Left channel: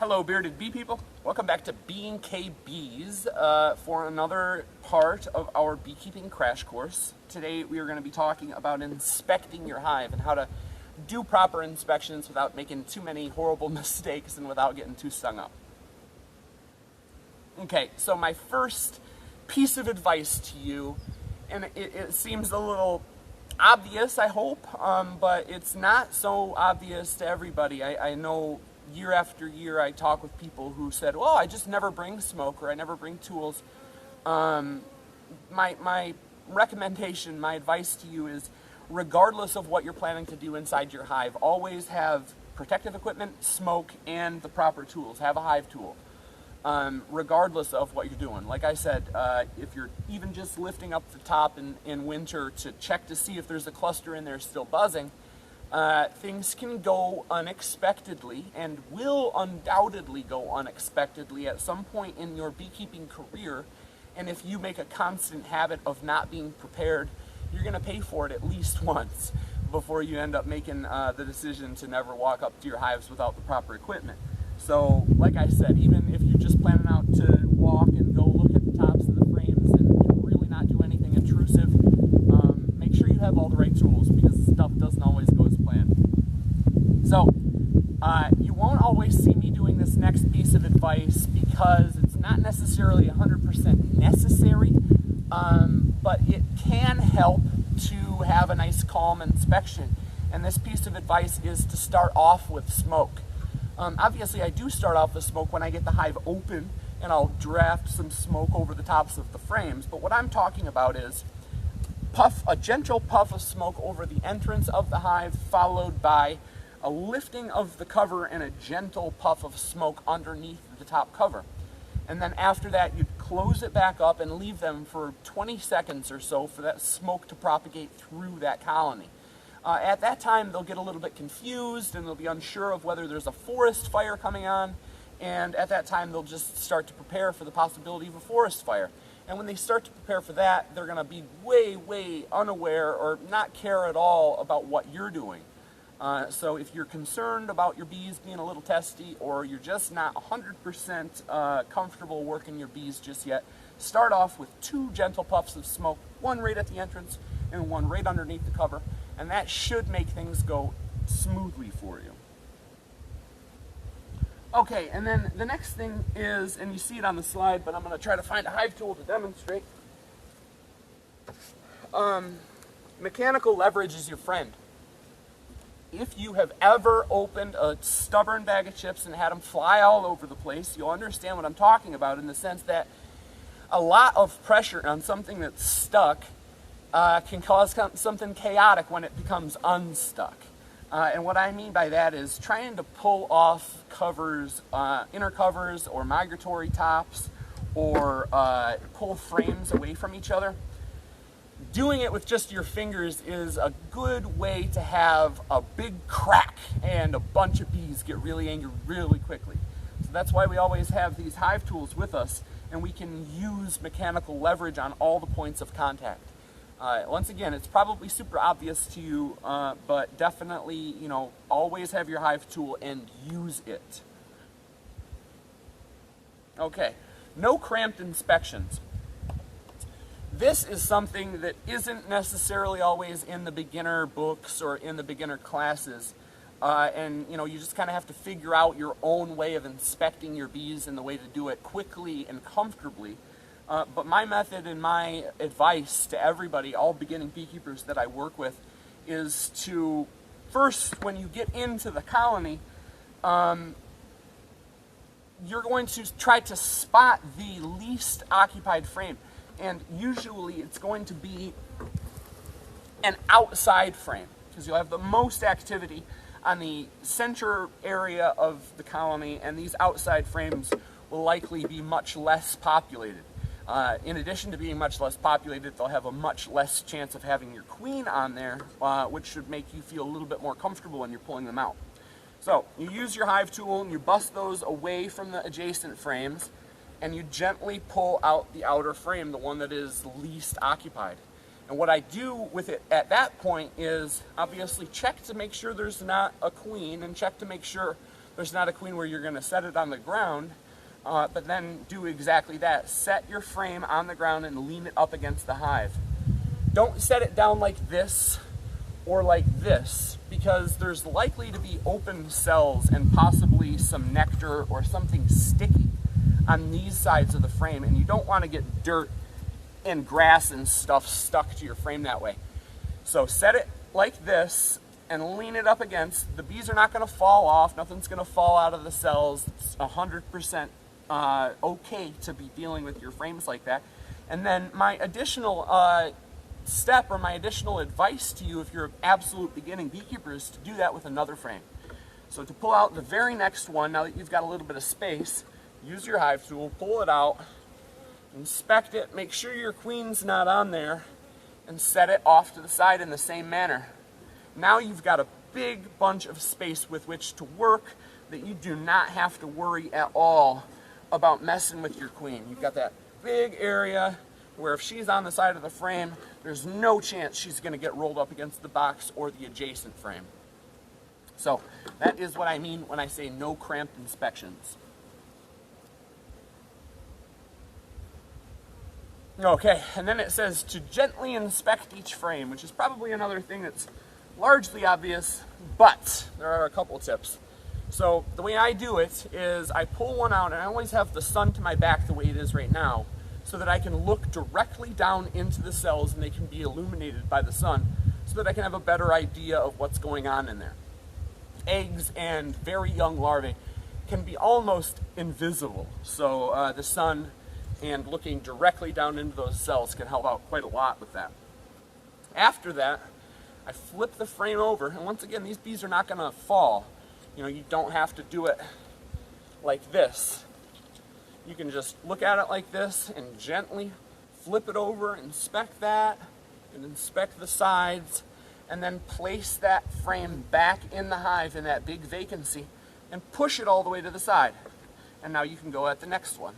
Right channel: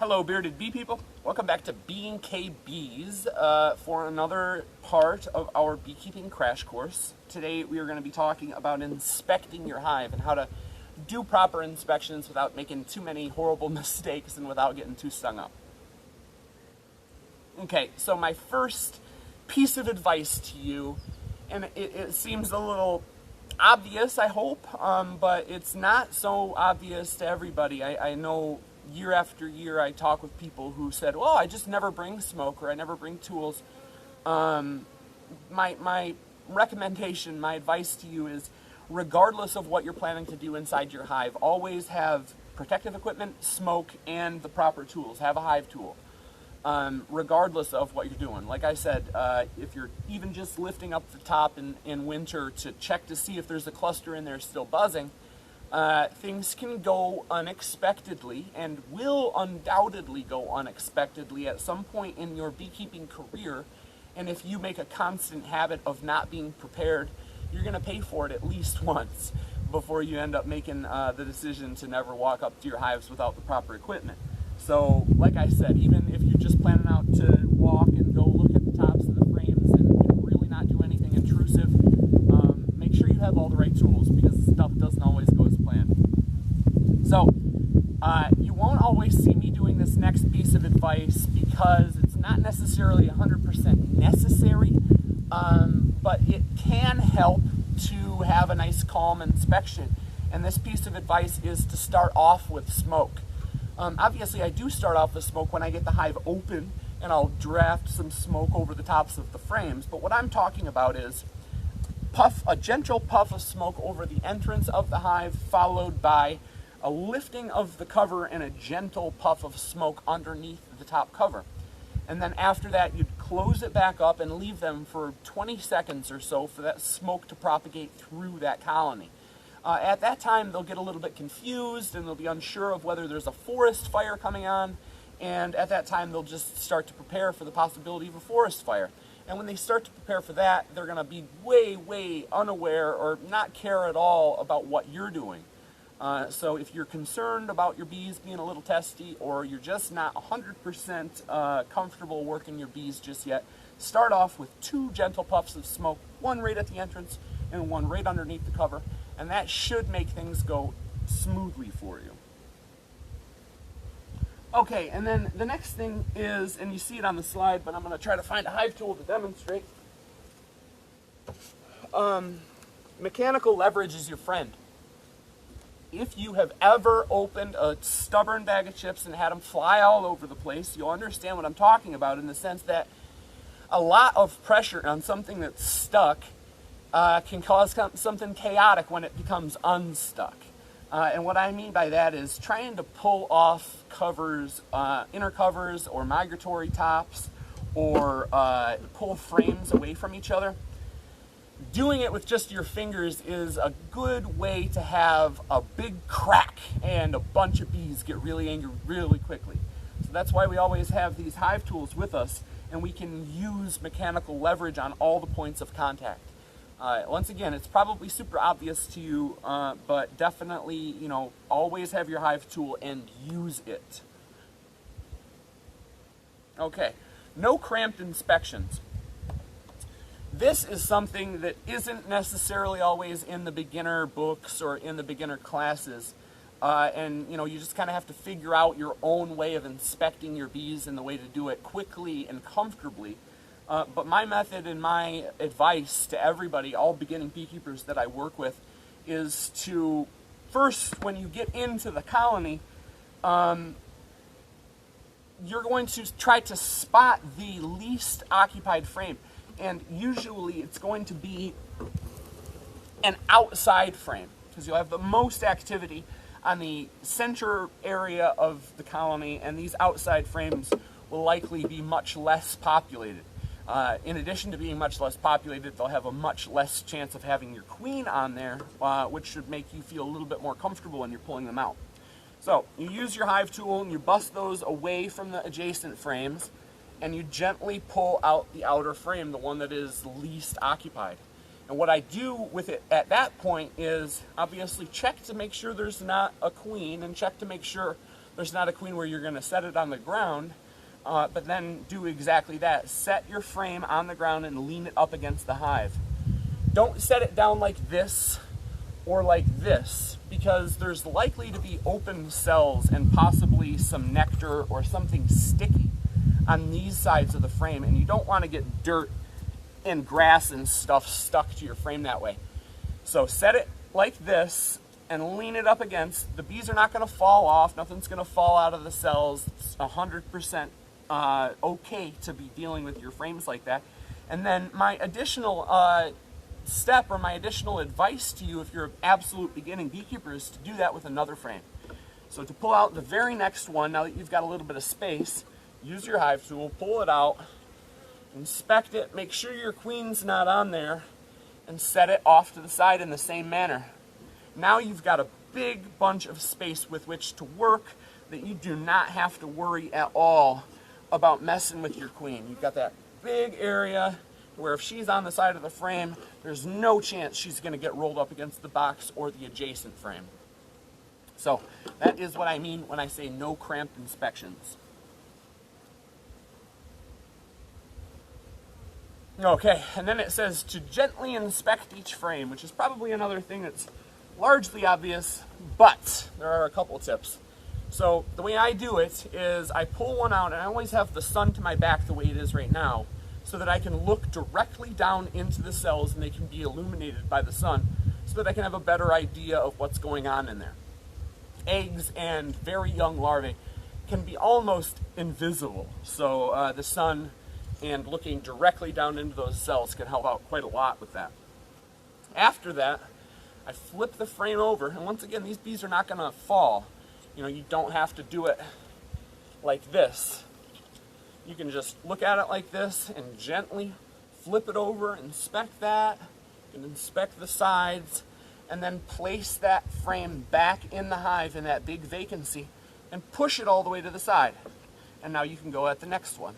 Hello bearded bee people, welcome back to Bees for another part of our beekeeping crash course. Today we are going to be talking about inspecting your hive and how to do proper inspections without making too many horrible mistakes and without getting too stung up. Okay, so my first piece of advice to you, and it seems a little obvious, I hope, but it's not so obvious to everybody. I know year after year I talk with people who said, well, I just never bring smoke or I never bring tools. My recommendation, my advice to you is, regardless of what you're planning to do inside your hive, always have protective equipment, smoke, and the proper tools. Have a hive tool. Regardless of what you're doing. Like I said, if you're even just lifting up the top in winter to check to see if there's a cluster in there still buzzing, things can go unexpectedly and will undoubtedly go unexpectedly at some point in your beekeeping career. And if you make a constant habit of not being prepared, you're going to pay for it at least once before you end up making the decision to never walk up to your hives without the proper equipment. So, like I said, even if you're just planning out to walk and go look at the tops of the frames and really not do anything intrusive, make sure you have all the right tools, because stuff doesn't always go as planned. So, you won't always see me doing this next piece of advice because it's not necessarily 100% necessary, but it can help to have a nice calm inspection. And this piece of advice is to start off with smoke. Obviously, I do start off with smoke when I get the hive open, and I'll draft some smoke over the tops of the frames. But what I'm talking about is a gentle puff of smoke over the entrance of the hive, followed by a lifting of the cover and a gentle puff of smoke underneath the top cover. And then after that, you'd close it back up and leave them for 20 seconds or so for that smoke to propagate through that colony. At that time, they'll get a little bit confused and they'll be unsure of whether there's a forest fire coming on. And at that time, they'll just start to prepare for the possibility of a forest fire. And when they start to prepare for that, they're going to be way unaware or not care at all about what you're doing. So if you're concerned about your bees being a little testy, or you're just not 100% comfortable working your bees just yet, start off with 2 gentle puffs of smoke, one right at the entrance and one right underneath the cover. And that should make things go smoothly for you. Okay, and then the next thing is, and you see it on the slide, but I'm going to try to find a hive tool to demonstrate. Mechanical leverage is your friend. If you have ever opened a stubborn bag of chips and had them fly all over the place, you'll understand what I'm talking about, in the sense that a lot of pressure on something that's stuck can cause something chaotic when it becomes unstuck. And what I mean by that is trying to pull off covers, inner covers or migratory tops, or pull frames away from each other. Doing it with just your fingers is a good way to have a big crack and a bunch of bees get really angry really quickly. So that's why we always have these hive tools with us, and we can use mechanical leverage on all the points of contact. Once again, it's probably super obvious to you, but definitely, always have your hive tool and use it. Okay, no cramped inspections. This is something that isn't necessarily always in the beginner books or in the beginner classes. And you just kind of have to figure out your own way of inspecting your bees and the way to do it quickly and comfortably. But my method and my advice to everybody, all beginning beekeepers that I work with, is to first, when you get into the colony, you're going to try to spot the least occupied frame. And usually it's going to be an outside frame, because you'll have the most activity on the center area of the colony, and these outside frames will likely be much less populated. In addition to being much less populated, they'll have a much less chance of having your queen on there, which should make you feel a little bit more comfortable when you're pulling them out. So you use your hive tool and you bust those away from the adjacent frames, and you gently pull out the outer frame, the one that is least occupied. And what I do with it at that point is obviously check to make sure there's not a queen, and check to make sure there's not a queen where you're going to set it on the ground, but then do exactly that. Set your frame on the ground and lean it up against the hive. Don't set it down like this or like this, because there's likely to be open cells and possibly some nectar or something sticky on these sides of the frame, and you don't want to get dirt and grass and stuff stuck to your frame that way. So set it like this and lean it up against. The bees are not going to fall off. Nothing's going to fall out of the cells. It's 100% okay to be dealing with your frames like that. And then my additional step, or my additional advice to you if you're an absolute beginning beekeeper, is to do that with another frame. So to pull out the very next one, now that you've got a little bit of space, use your hive tool, pull it out, inspect it, make sure your queen's not on there, and set it off to the side in the same manner. Now you've got a big bunch of space with which to work that you do not have to worry at all about messing with your queen. You've got that big area where if she's on the side of the frame, there's no chance she's going to get rolled up against the box or the adjacent frame. So that is what I mean when I say no cramped inspections. Okay, and then it says to gently inspect each frame, which is probably another thing that's largely obvious, but there are a couple tips. So the way I do it is I pull one out, and I always have the sun to my back the way it is right now, so that I can look directly down into the cells and they can be illuminated by the sun, so that I can have a better idea of what's going on in there. Eggs and very young larvae can be almost invisible, so the sun and looking directly down into those cells can help out quite a lot with that. After that, I flip the frame over, and once again, these bees are not going to fall. You know, you don't have to do it like this. You can just look at it like this and gently flip it over, inspect that, and inspect the sides, and then place that frame back in the hive in that big vacancy and push it all the way to the side. And now you can go at the next one.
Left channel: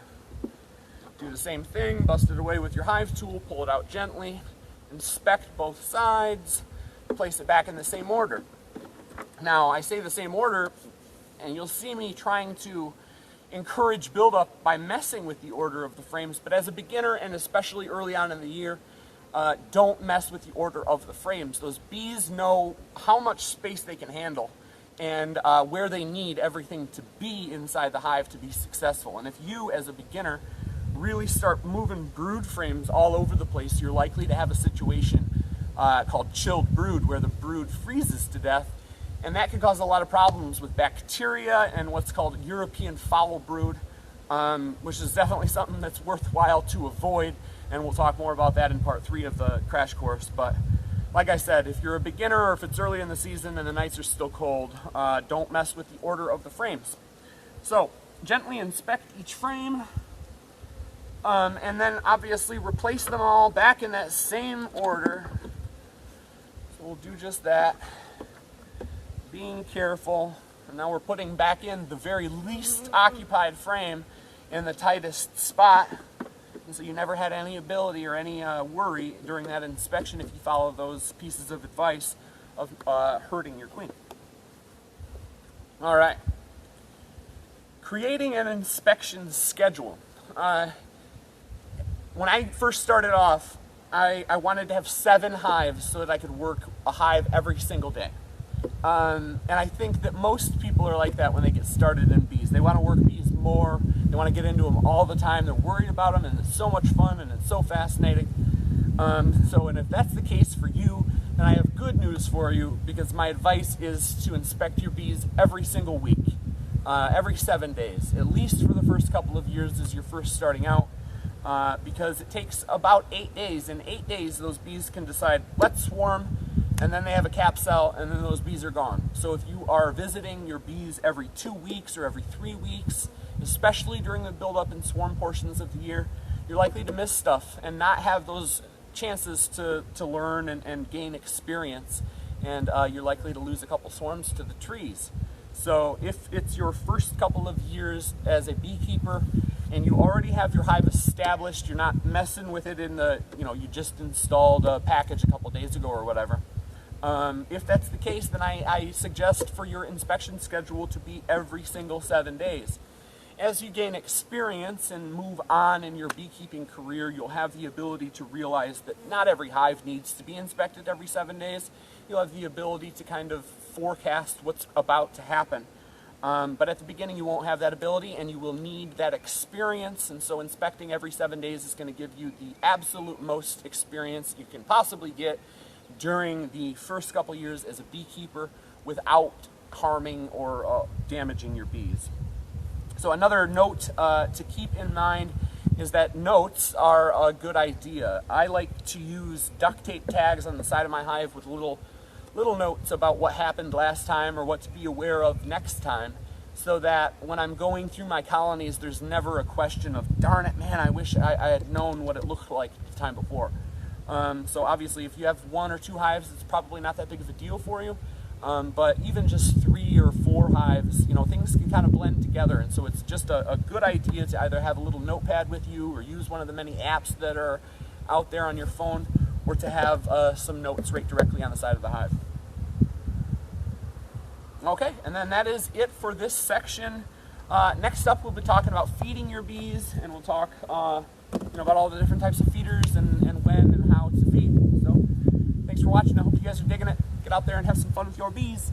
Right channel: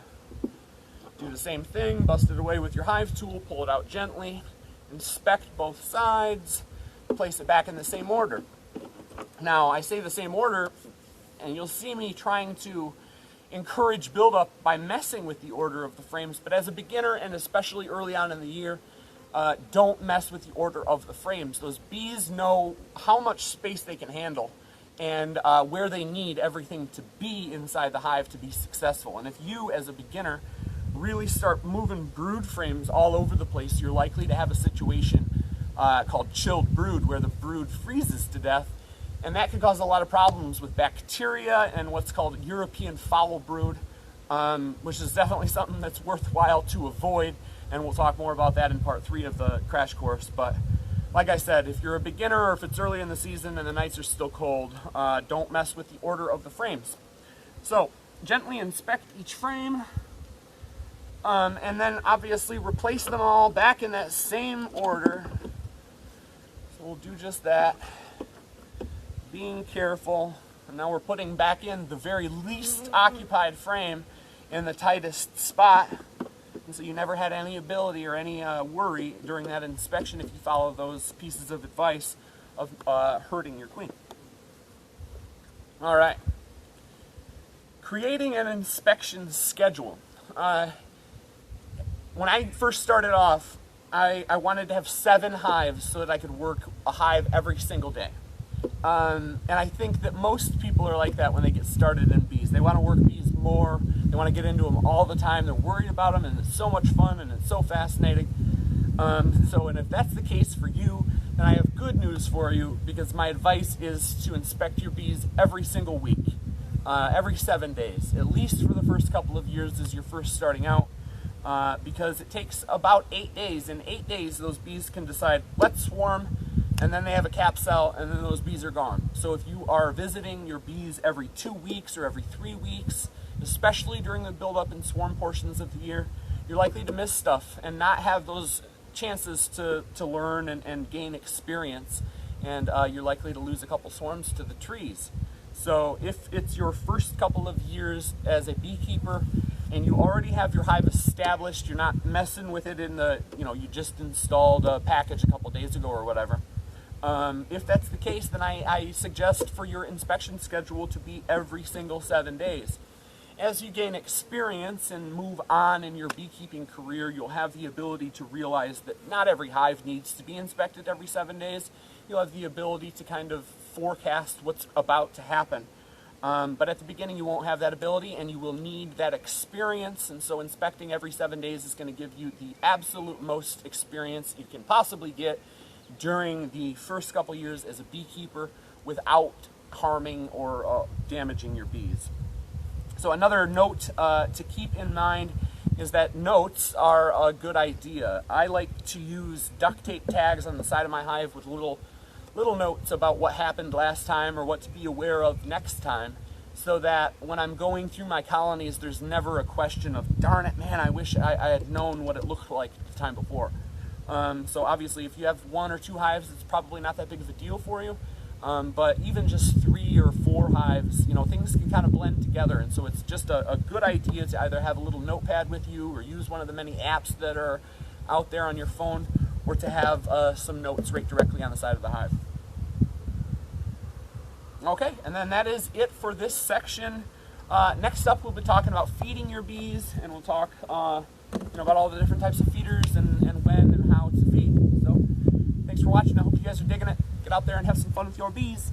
Do the same thing, bust it away with your hive tool, pull it out gently, inspect both sides, place it back in the same order. Now, I say the same order, and you'll see me trying to encourage buildup by messing with the order of the frames, but as a beginner, and especially early on in the year, don't mess with the order of the frames. Those bees know how much space they can handle and where they need everything to be inside the hive to be successful. And if you, as a beginner, really start moving brood frames all over the place, you're likely to have a situation called chilled brood, where the brood freezes to death, and that can cause a lot of problems with bacteria and what's called European foul brood, which is definitely something that's worthwhile to avoid, and we'll talk more about that in part 3 of the crash course. But like I said, if you're a beginner or if it's early in the season and the nights are still cold, don't mess with the order of the frames. So gently inspect each frame, and then obviously replace them all back in that same order. So we'll do just that, being careful. And now we're putting back in the very least occupied frame in the tightest spot, and so you never had any ability or any worry during that inspection, if you follow those pieces of advice, of hurting your queen. All right, creating an inspection schedule. When I first started off, I wanted to have 7 hives so that I could work a hive every single day. And I think that most people are like that when they get started in bees. They want to work bees more, they want to get into them all the time, they're worried about them, and it's so much fun and it's so fascinating. And if that's the case for you, then I have good news for you, because my advice is to inspect your bees every single week, every 7 days, at least for the first couple of years as you're first starting out. Because it takes about 8 days. In 8 days, those bees can decide, let's swarm, and then they have a cap cell, and then those bees are gone. So if you are visiting your bees every 2 weeks or every 3 weeks, especially during the build-up and swarm portions of the year, you're likely to miss stuff and not have those chances to learn and gain experience, and you're likely to lose a couple swarms to the trees. So if it's your first couple of years as a beekeeper, and you already have your hive established, you're not messing with it in the, you just installed a package a couple days ago or whatever, If that's the case, then I suggest for your inspection schedule to be every single 7 days. As you gain experience and move on in your beekeeping career, you'll have the ability to realize that not every hive needs to be inspected every 7 days. You'll have the ability to kind of forecast what's about to happen. But at the beginning you won't have that ability, and you will need that experience, and so inspecting every 7 days is going to give you the absolute most experience you can possibly get during the first couple years as a beekeeper without harming or damaging your bees. So another note to keep in mind is that notes are a good idea. I like to use duct tape tags on the side of my hive with little notes about what happened last time or what to be aware of next time, so that when I'm going through my colonies, there's never a question of, darn it, man, I wish I had known what it looked like the time before. So obviously if you have 1 or 2 hives, it's probably not that big of a deal for you. But even just 3 or 4 hives, you know, things can kind of blend together, and so it's just a good idea to either have a little notepad with you or use one of the many apps that are out there on your phone, or to have some notes right directly on the side of the hive. Okay, and then that is it for this section. Next up, we'll be talking about feeding your bees, and we'll talk about all the different types of feeders and when and how to feed. So thanks for watching. I hope you guys are digging it. Get out there and have some fun with your bees.